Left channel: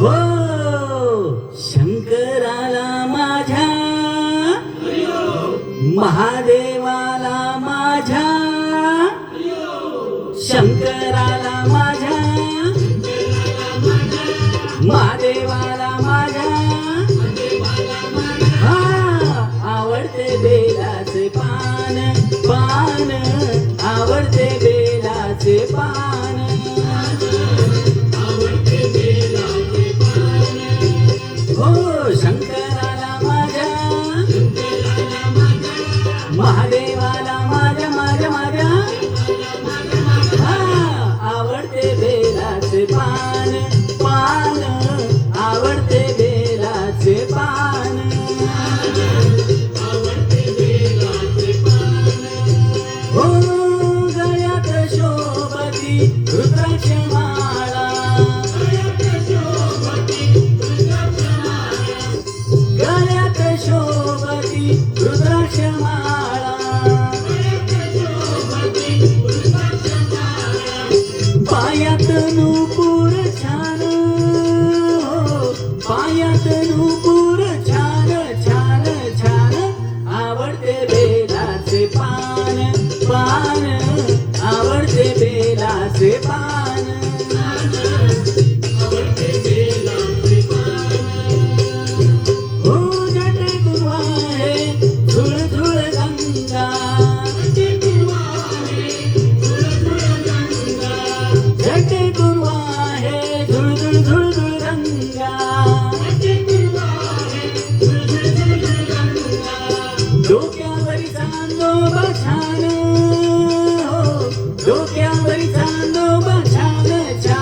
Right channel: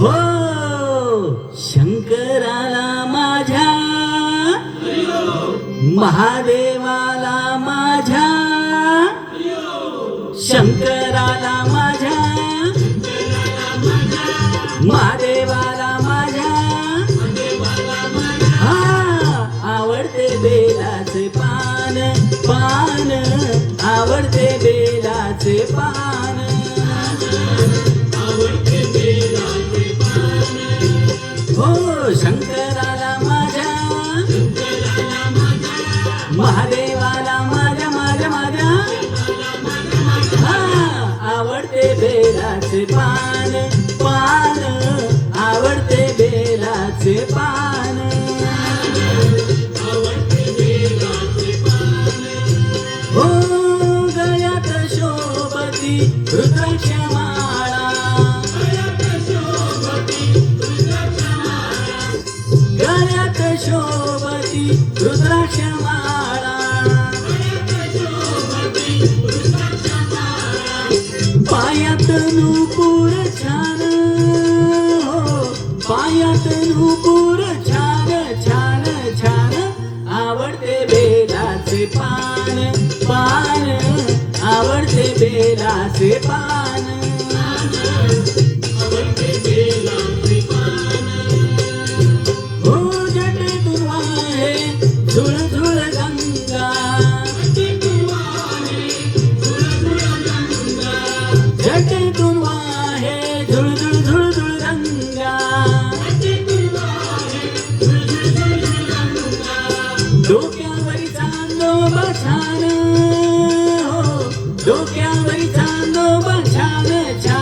हो शंकराला माझ्या महादेवाला माझ्या शंकराला माझ्या महादेवाला माझ्या हा आवडते बेलाचे पान पान आवडते बेलाचे पान हो शंकराला माझ्या महादेवाला माझ्या माझ्या माझ्या हा आवडते बेलाचे पान पान आवडते बेलाचे पान हो गळ्यात शोभती रुद्राक्ष माळा गळ्यात शोभती रुद्राक्ष माळा पायात नूपुर छान हो पायात नूपुर छान छान छान आवडते बेलाचे पान पान आवडते बेलाचे पान हो जटे तू आहे झुळ झुळ गंगा जटे तू आहे झुळ झुळ झुळ झुळ गंगा डोक्यावरी चांदोबा छान हो डोक्यावरी चांदोबा छान छान